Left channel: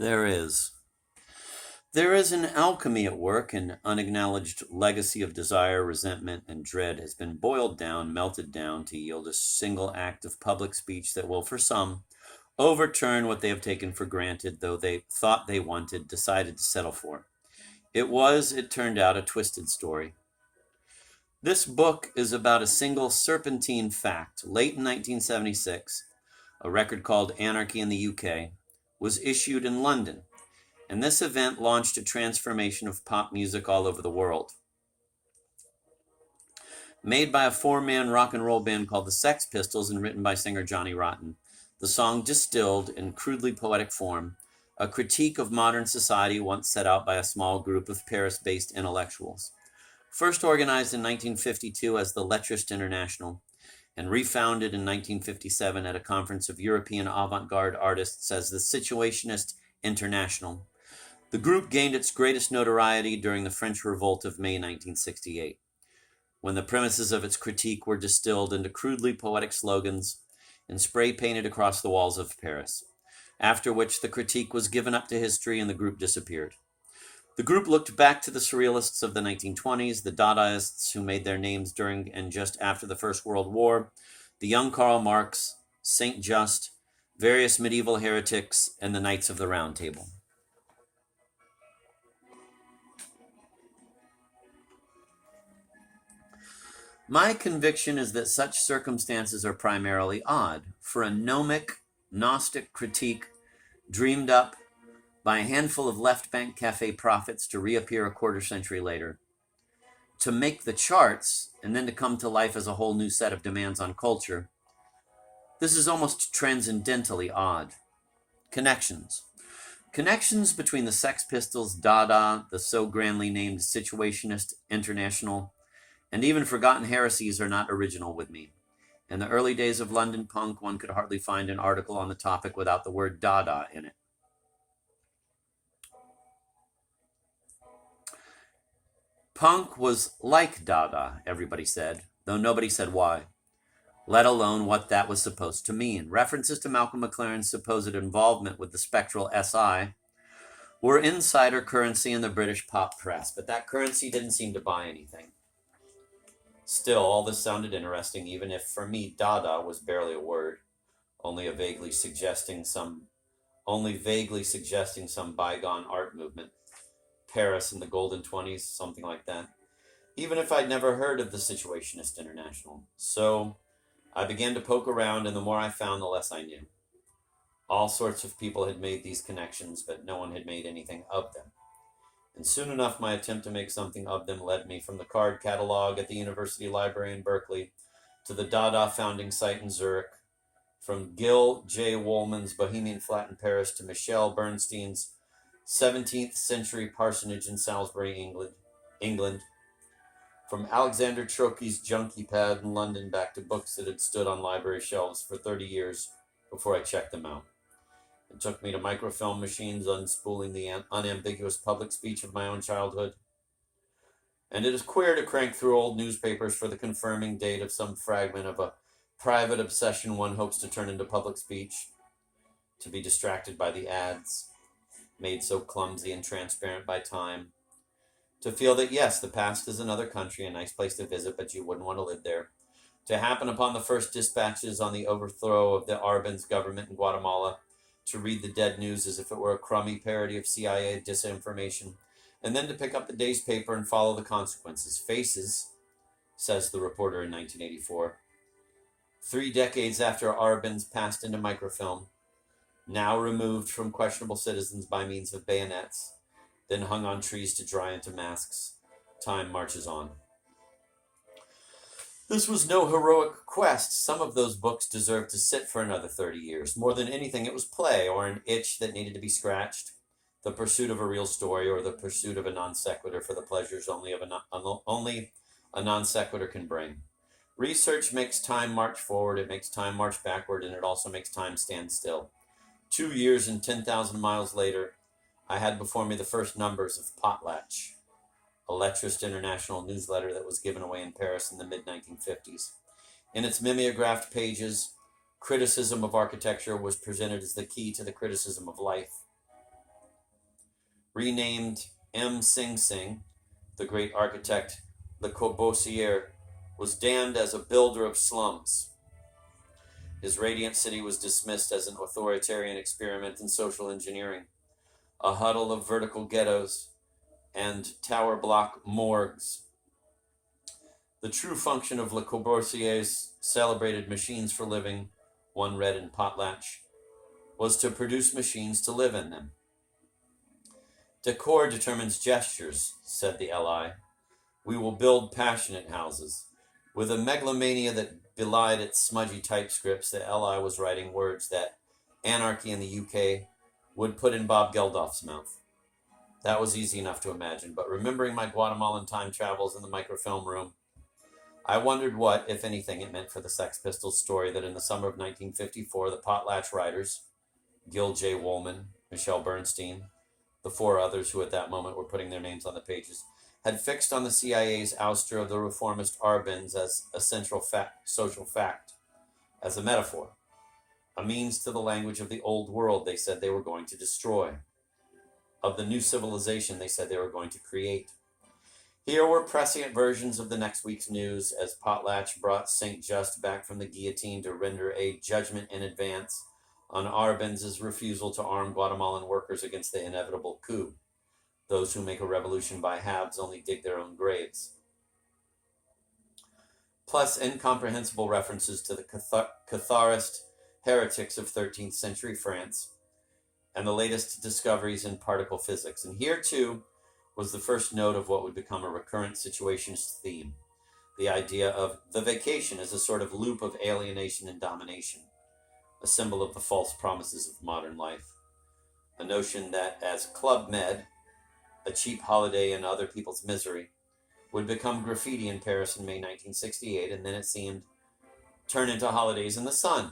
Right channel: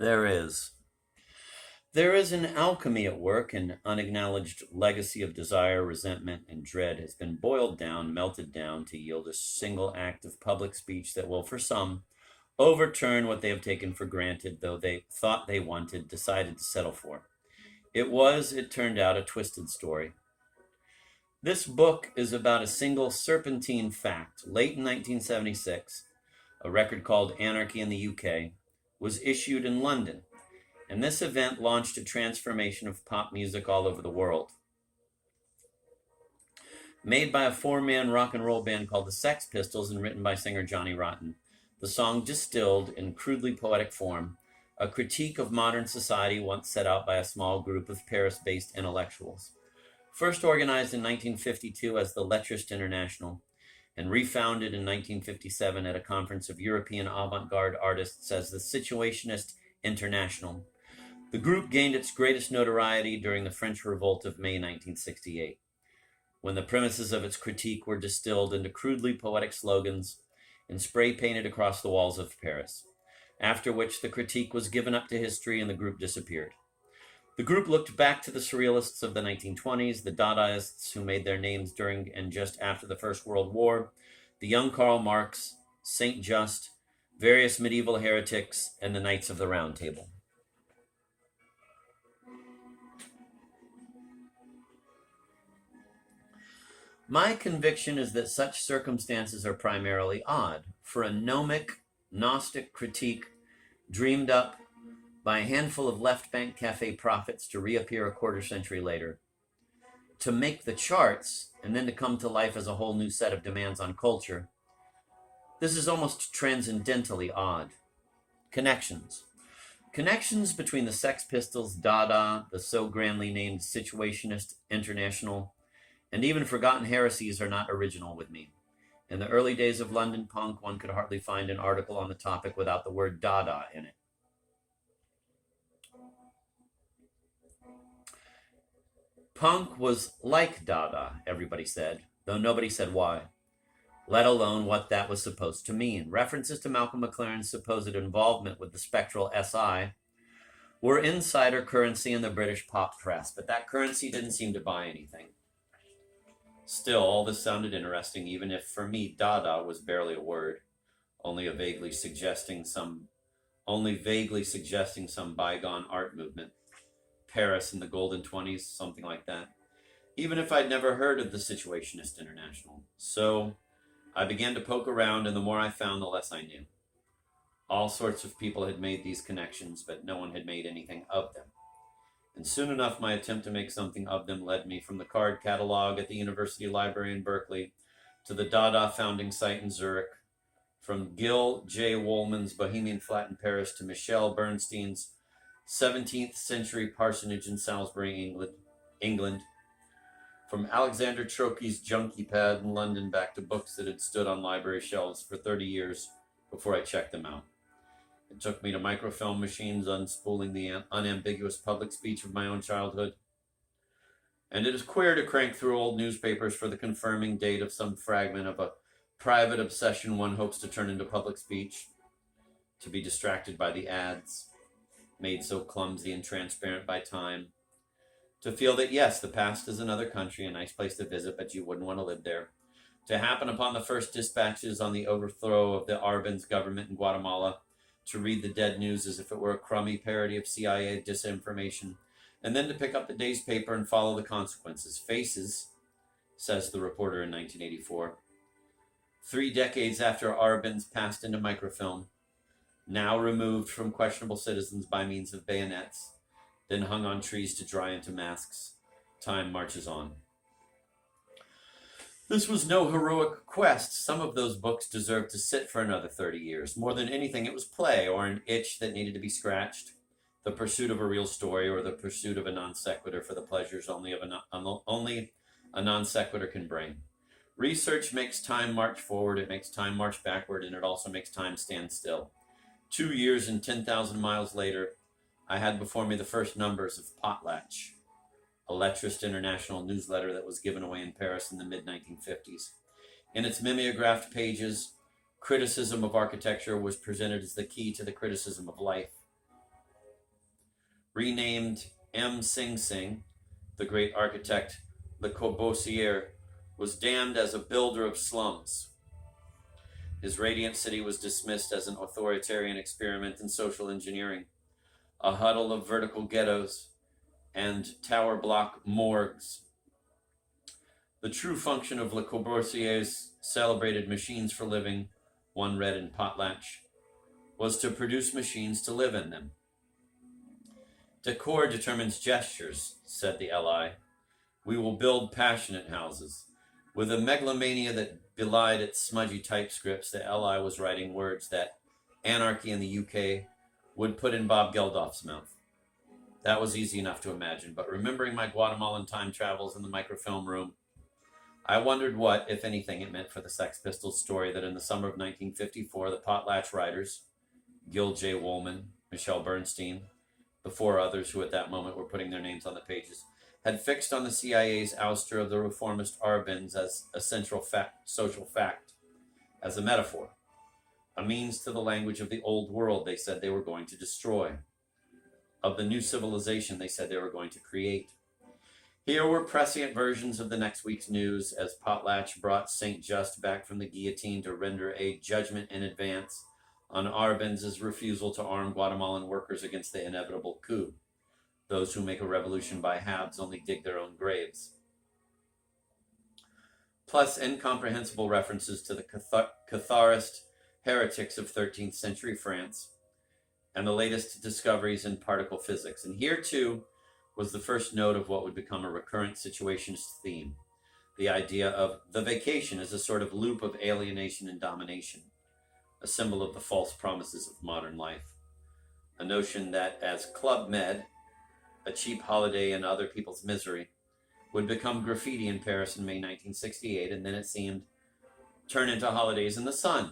There is. There is an alchemy at work, an unacknowledged legacy of desire, resentment, and dread has been boiled down, melted down to yield a single act of public speech that will, for some, overturn what they have taken for granted, though they thought they wanted, decided to settle for. It turned out, a twisted story. This book is about a single serpentine fact. Late in 1976, a record called Anarchy in the UK was issued in London, and this event launched a transformation of pop music all over the world. Made by a four-man rock and roll band called the Sex Pistols and written by singer Johnny Rotten, the song distilled, in crudely poetic form, a critique of modern society once set out by a small group of Paris-based intellectuals. First organized in 1952 as the Lettrist International, and refounded in 1957 at a conference of European avant-garde artists as the Situationist International. The group gained its greatest notoriety during the French Revolt of May 1968, when the premises of its critique were distilled into crudely poetic slogans and spray-painted across the walls of Paris, after which the critique was given up to history and the group disappeared. The group looked back to the surrealists of the 1920s, the Dadaists who made their names during and just after the First World War, the young Karl Marx, Saint Just, various medieval heretics, and the Knights of the Round Table. My conviction is that such circumstances are primarily odd, for a gnomic, Gnostic critique dreamed up by a handful of left bank cafe prophets to reappear a quarter century later, to make the charts, and then to come to life as a whole new set of demands on culture. This is almost transcendentally odd. Connections. Connections between the Sex Pistols, Dada, the so grandly named Situationist International, and even Forgotten Heresies are not original with me. In the early days of London punk, one could hardly find an article on the topic without the word Dada in it. Punk was like Dada, everybody said, though nobody said why, let alone what that was supposed to mean. References to Malcolm McLaren's supposed involvement with the spectral SI were insider currency in the British pop press, but that currency didn't seem to buy anything. Still, all this sounded interesting, even if for me Dada was barely a word, only vaguely suggesting some bygone art movement. Paris in the golden 20s, something like that. Even if I'd never heard of the Situationist International. So I began to poke around, and the more I found, the less I knew. All sorts of people had made these connections, but no one had made anything of them. And soon enough, my attempt to make something of them led me from the card catalog at the University Library in Berkeley to the Dada founding site in Zurich, from Gil J. Woolman's Bohemian Flat in Paris to Michel Bernstein's 17th century parsonage in Salisbury, England, from Alexander Trocchi's junkie pad in London back to books that had stood on library shelves for 30 years before I checked them out. It took me to microfilm machines unspooling the unambiguous public speech of my own childhood. And it is queer to crank through old newspapers for the confirming date of some fragment of a private obsession one hopes to turn into public speech, to be distracted by the ads, made so clumsy and transparent by time, to feel that yes, the past is another country, a nice place to visit, but you wouldn't want to live there, to happen upon the first dispatches on the overthrow of the Arbenz government in Guatemala, to read the dead news as if it were a crummy parody of CIA disinformation, and then to pick up the day's paper and follow the consequences. Faces, says the reporter in 1984. 3 decades after Arbenz passed into microfilm, now removed from questionable citizens by means of bayonets, then hung on trees to dry into masks, time marches on. This was no heroic quest. Some of those books deserved to sit for another 30 years. More than anything, it was play, or an itch that needed to be scratched, the pursuit of a real story, or the pursuit of a non sequitur for the pleasures only a non sequitur can bring. Research makes time march forward, it makes time march backward, and it also makes time stand still. 2 years and 10,000 miles later, I had before me the first numbers of Potlatch, a Lettrist International newsletter that was given away in Paris in the mid-1950s. In its mimeographed pages, criticism of architecture was presented as the key to the criticism of life. renamed M. Sing Sing, the great architect Le Corbusier was damned as a builder of slums. His radiant city was dismissed as an authoritarian experiment in social engineering, a huddle of vertical ghettos and tower block morgues. The true function of Le Corbusier's celebrated machines for living, one read in Potlatch, was to produce machines to live in them. Decor determines gestures, said the LI. We will build passionate houses. With a megalomania that belied its smudgy typescripts, the LI was writing words that anarchy in the UK would put in Bob Geldof's mouth. That was easy enough to imagine, but remembering my Guatemalan time travels in the microfilm room, I wondered what, if anything, it meant for the Sex Pistols story that in the summer of 1954, the Potlatch writers, Gil J. Woolman, Michelle Bernstein, the four others who at that moment were putting their names on the pages, had fixed on the CIA's ouster of the reformist Arbenz as a central social fact, as a metaphor, a means to the language of the old world they said they were going to destroy, of the new civilization they said they were going to create. Here were prescient versions of the next week's news as Potlatch brought St. Just back from the guillotine to render a judgment in advance on Arbenz's refusal to arm Guatemalan workers against the inevitable coup. Those who make a revolution by halves only dig their own graves. Plus incomprehensible references to the Catharist heretics of 13th century France and the latest discoveries in particle physics. And here, too, was the first note of what would become a recurrent situationist theme, the idea of the vacation as a sort of loop of alienation and domination, a symbol of the false promises of modern life, a notion that as Club Med, a cheap holiday in other people's misery, would become graffiti in Paris in May 1968, and then it seemed turn into holidays in the sun.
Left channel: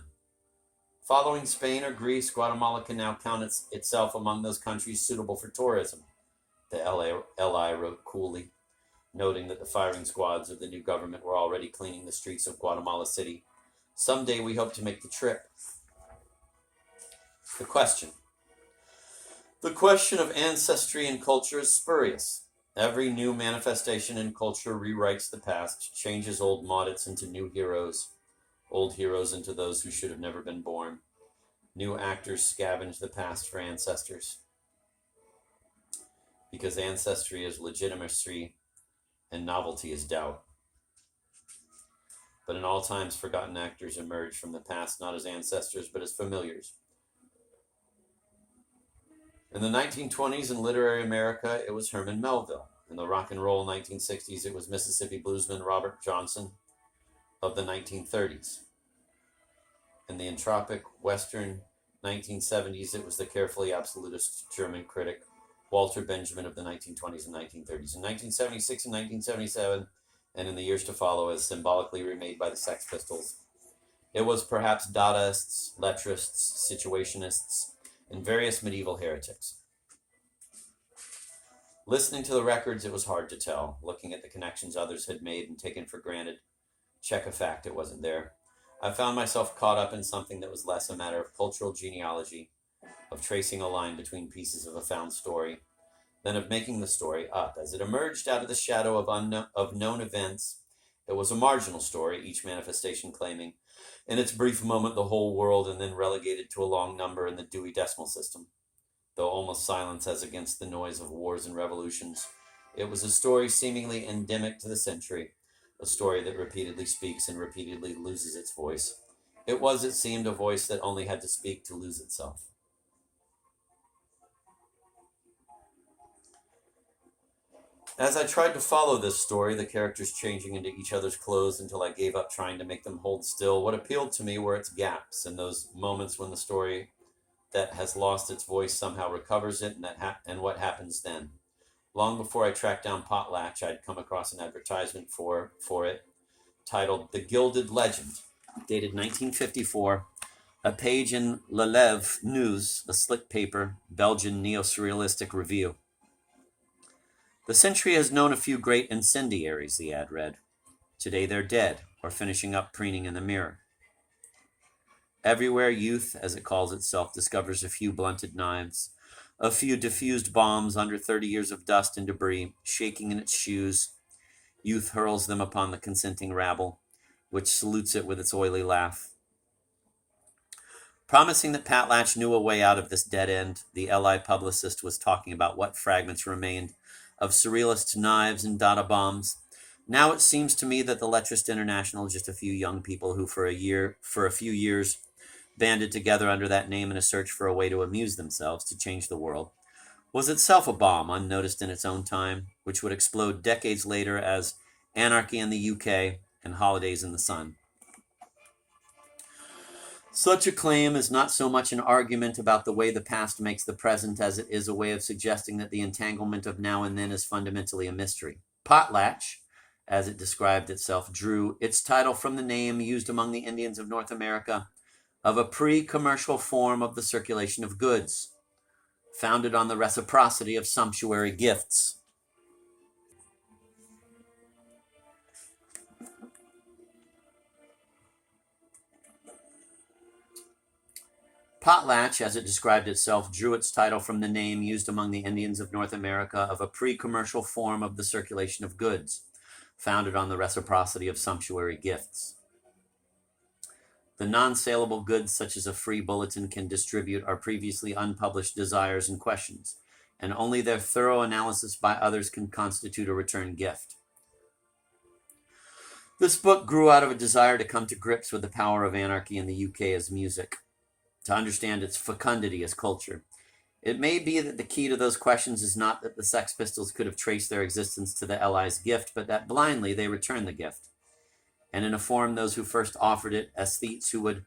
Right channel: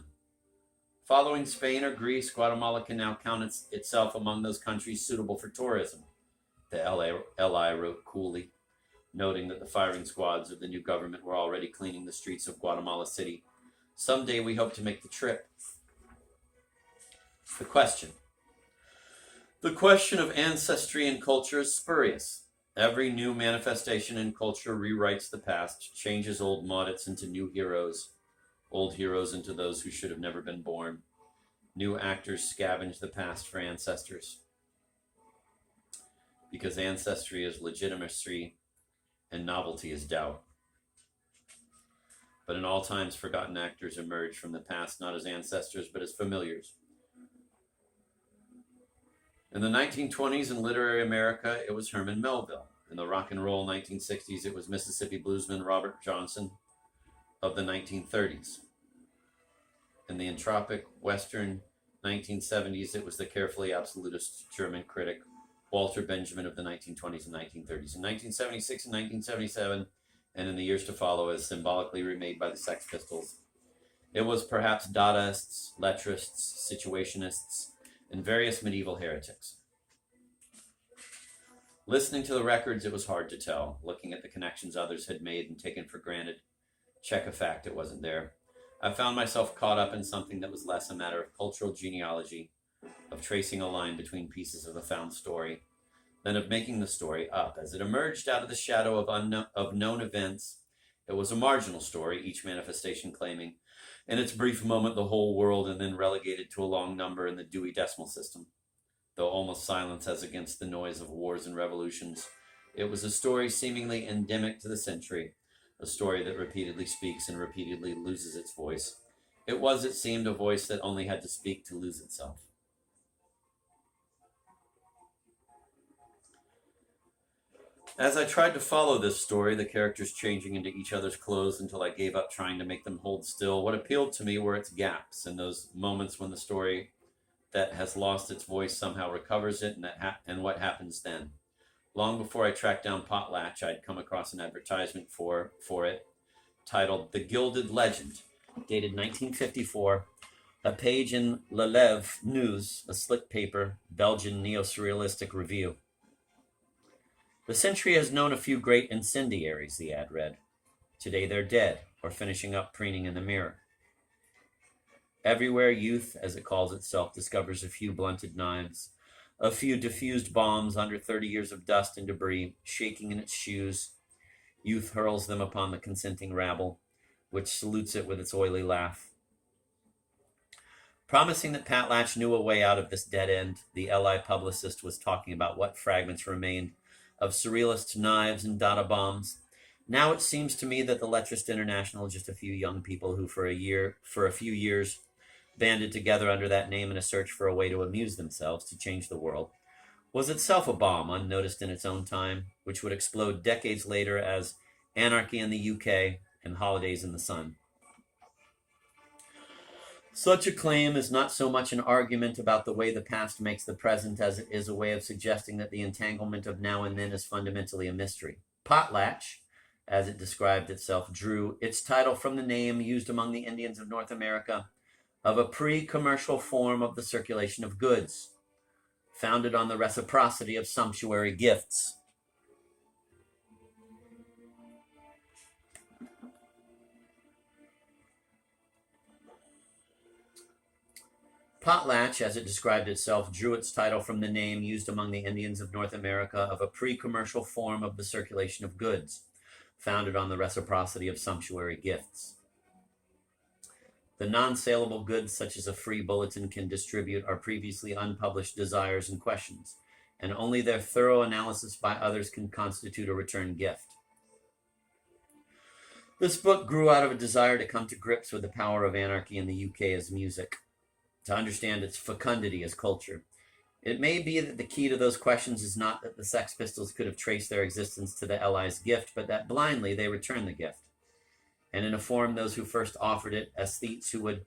Following Spain or Greece, Guatemala can now count itself among those countries suitable for tourism, the LI wrote coolly, noting that the firing squads of the new government were already cleaning the streets of Guatemala City. Someday we hope to make the trip. The question of ancestry and culture is spurious. Every new manifestation in culture rewrites the past, changes old maudits into new heroes, old heroes into those who should have never been born. New actors scavenge the past for ancestors. Because ancestry is legitimacy and novelty is doubt. But in all times, forgotten actors emerge from the past not as ancestors, but as familiars. In the 1920s in literary America, it was Herman Melville. In the rock and roll 1960s, it was Mississippi bluesman Robert Johnson of the 1930s. In the entropic Western 1970s, it was the carefully absolutist German critic Walter Benjamin of the 1920s and 1930s. In 1976 and 1977, and in the years to follow, as symbolically remade by the Sex Pistols, it was perhaps Dadaists, Lettrists, Situationists, and various medieval heretics. Listening to the records, it was hard to tell. Looking at the connections others had made and taken for granted, check a fact, it wasn't there. I found myself caught up in something that was less a matter of cultural genealogy, of tracing a line between pieces of a found story, than of making the story up. As it emerged out of the shadow of known events, it was a marginal story, each manifestation claiming, in its brief moment, the whole world, and then relegated to a long number in the Dewey Decimal System. Though almost silence as against the noise of wars and revolutions, it was a story seemingly endemic to the century, a story that repeatedly speaks and repeatedly loses its voice. It was, it seemed, a voice that only had to speak to lose itself. As I tried to follow this story, the characters changing into each other's clothes until I gave up trying to make them hold still, what appealed to me were its gaps and those moments when the story that has lost its voice somehow recovers it, and what happens then. Long before I tracked down Potlatch, I'd come across an advertisement for it titled The Gilded Legend, dated 1954, a page in L'Élève News, a slick paper, Belgian neo-surrealistic review. The century has known a few great incendiaries, the ad read. Today they're dead, or finishing up preening in the mirror. Everywhere youth, as it calls itself, discovers a few blunted knives, A few diffused bombs under 30 years of dust and debris, shaking in its shoes. Youth hurls them upon the consenting rabble, which salutes it with its oily laugh. Promising that Patlatch knew a way out of this dead end, the LI publicist was talking about what fragments remained of surrealist knives and Dada bombs. Now it seems to me that the Letrist International is just a few young people who for a few years banded together under that name in a search for a way to amuse themselves, to change the world, was itself a bomb unnoticed in its own time, which would explode decades later as Anarchy in the UK and Holidays in the Sun. Such a claim is not so much an argument about the way the past makes the present as it is a way of suggesting that the entanglement of now and then is fundamentally a mystery. Potlatch, as it described itself, drew its title from the name used among the Indians of North America of a pre-commercial form of the circulation of goods, founded on the reciprocity of sumptuary gifts. Potlatch, as it described itself, drew its title from the name used among the Indians of North America of a pre-commercial form of the circulation of goods, founded on the reciprocity of sumptuary gifts. The non-saleable goods such as a free bulletin can distribute are previously unpublished desires and questions, and only their thorough analysis by others can constitute a return gift. This book grew out of a desire to come to grips with the power of anarchy in the UK as music, to understand its fecundity as culture. It may be that the key to those questions is not that the Sex Pistols could have traced their existence to the LI's gift, but that blindly they returned the gift, and in a form those who first offered it, aesthetes who would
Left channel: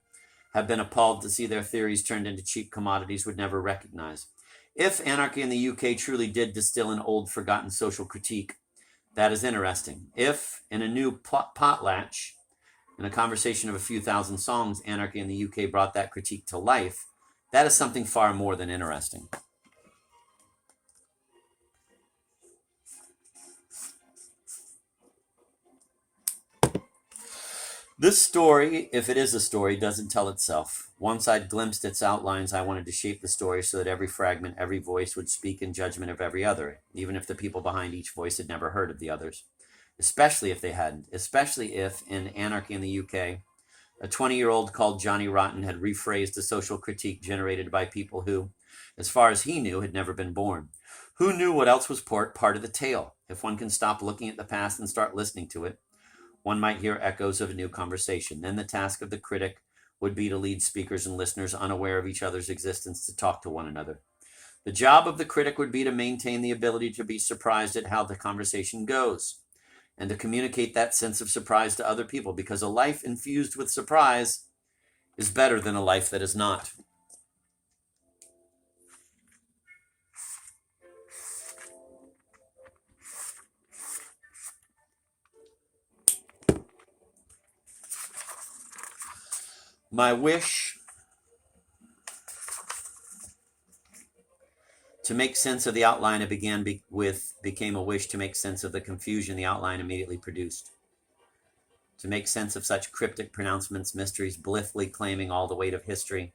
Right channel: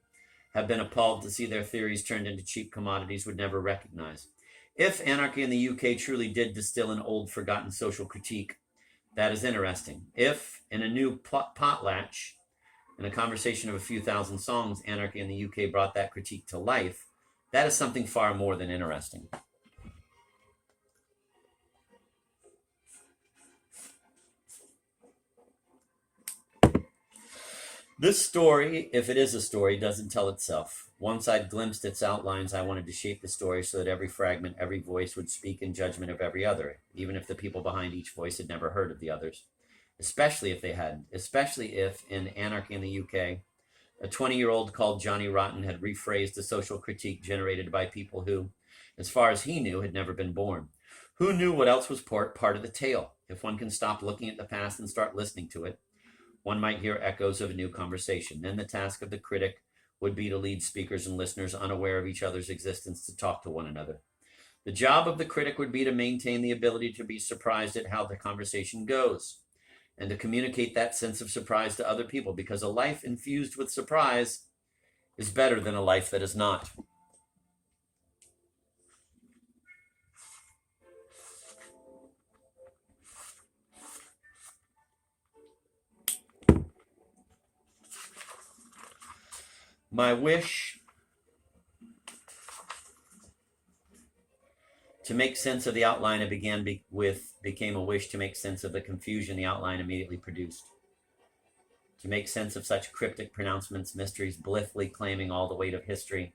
have been appalled to see their theories turned into cheap commodities, would never recognize. If Anarchy in the UK truly did distill an old forgotten social critique, that is interesting. If, in a new potlatch, in a conversation of a few thousand songs, Anarchy in the UK brought that critique to life, that is something far more than interesting. This story, if it is a story, doesn't tell itself. Once I'd glimpsed its outlines, I wanted to shape the story so that every fragment, every voice would speak in judgment of every other, even if the people behind each voice had never heard of the others. Especially if they hadn't. Especially if, in Anarchy in the UK, a 20-year-old called Johnny Rotten had rephrased a social critique generated by people who, as far as he knew, had never been born. Who knew what else was part of the tale? If one can stop looking at the past and start listening to it, one might hear echoes of a new conversation. Then the task of the critic would be to lead speakers and listeners unaware of each other's existence to talk to one another. The job of the critic would be to maintain the ability to be surprised at how the conversation goes, and to communicate that sense of surprise to other people, because a life infused with surprise is better than a life that is not. My wish to make sense of the outline I began with became a wish to make sense of the confusion the outline immediately produced. To make sense of such cryptic pronouncements, mysteries, blithely claiming all the weight of history,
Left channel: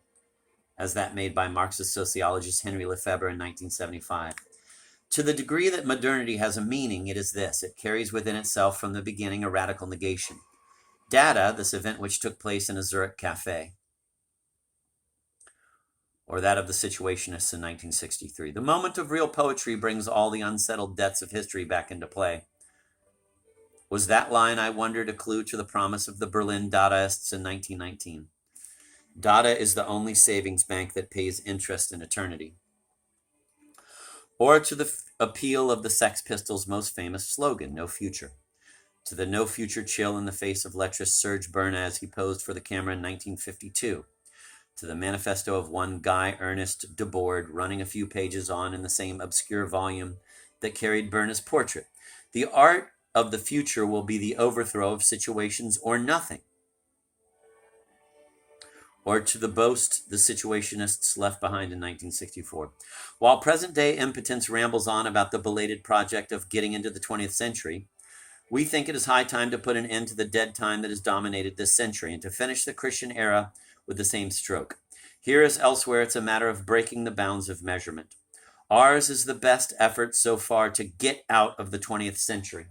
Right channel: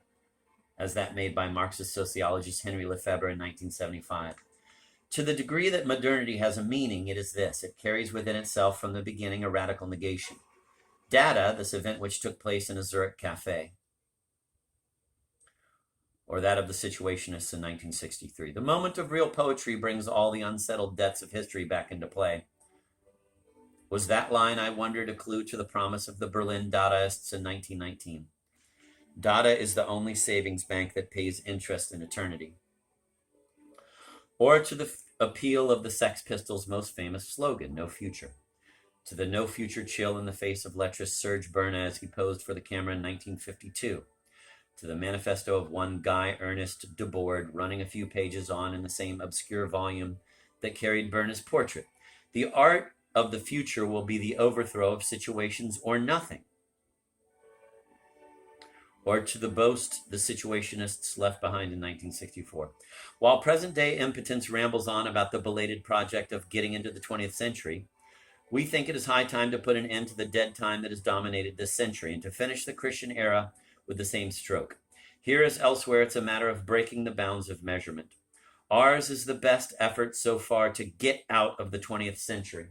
as that made by Marxist sociologist Henry Lefebvre in 1975. To the degree that modernity has a meaning, it is this: it carries within itself from the beginning a radical negation. Dada, this event which took place in a Zurich cafe, or that of the Situationists in 1963. The moment of real poetry brings all the unsettled debts of history back into play. Was that line, I wondered, a clue to the promise of the Berlin Dadaists in 1919? Dada is the only savings bank that pays interest in eternity. Or to the appeal of the Sex Pistols' most famous slogan, no future. To the no future chill in the face of lecherous Serge Berna as he posed for the camera in 1952. To the manifesto of one Guy Ernest Debord running a few pages on in the same obscure volume that carried Berna's portrait. The art of the future will be the overthrow of situations or nothing. Or to the boast the Situationists left behind in 1964. While present-day impotence rambles on about the belated project of getting into the 20th century, we think it is high time to put an end to the dead time that has dominated this century and to finish the Christian era with the same stroke. Here as elsewhere, it's a matter of breaking the bounds of measurement. Ours is the best effort so far to get out of the 20th century.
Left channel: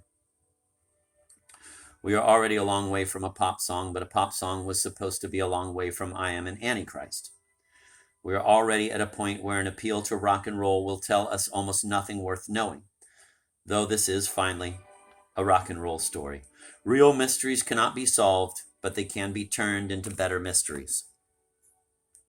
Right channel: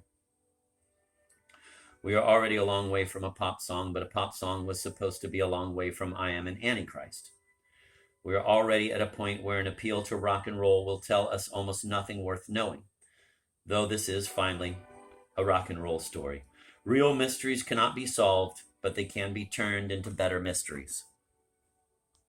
We are already a long way from a pop song, but a pop song was supposed to be a long way from I Am an Antichrist. We are already at a point where an appeal to rock and roll will tell us almost nothing worth knowing, though this is finally a rock and roll story. Real mysteries cannot be solved, but they can be turned into better mysteries.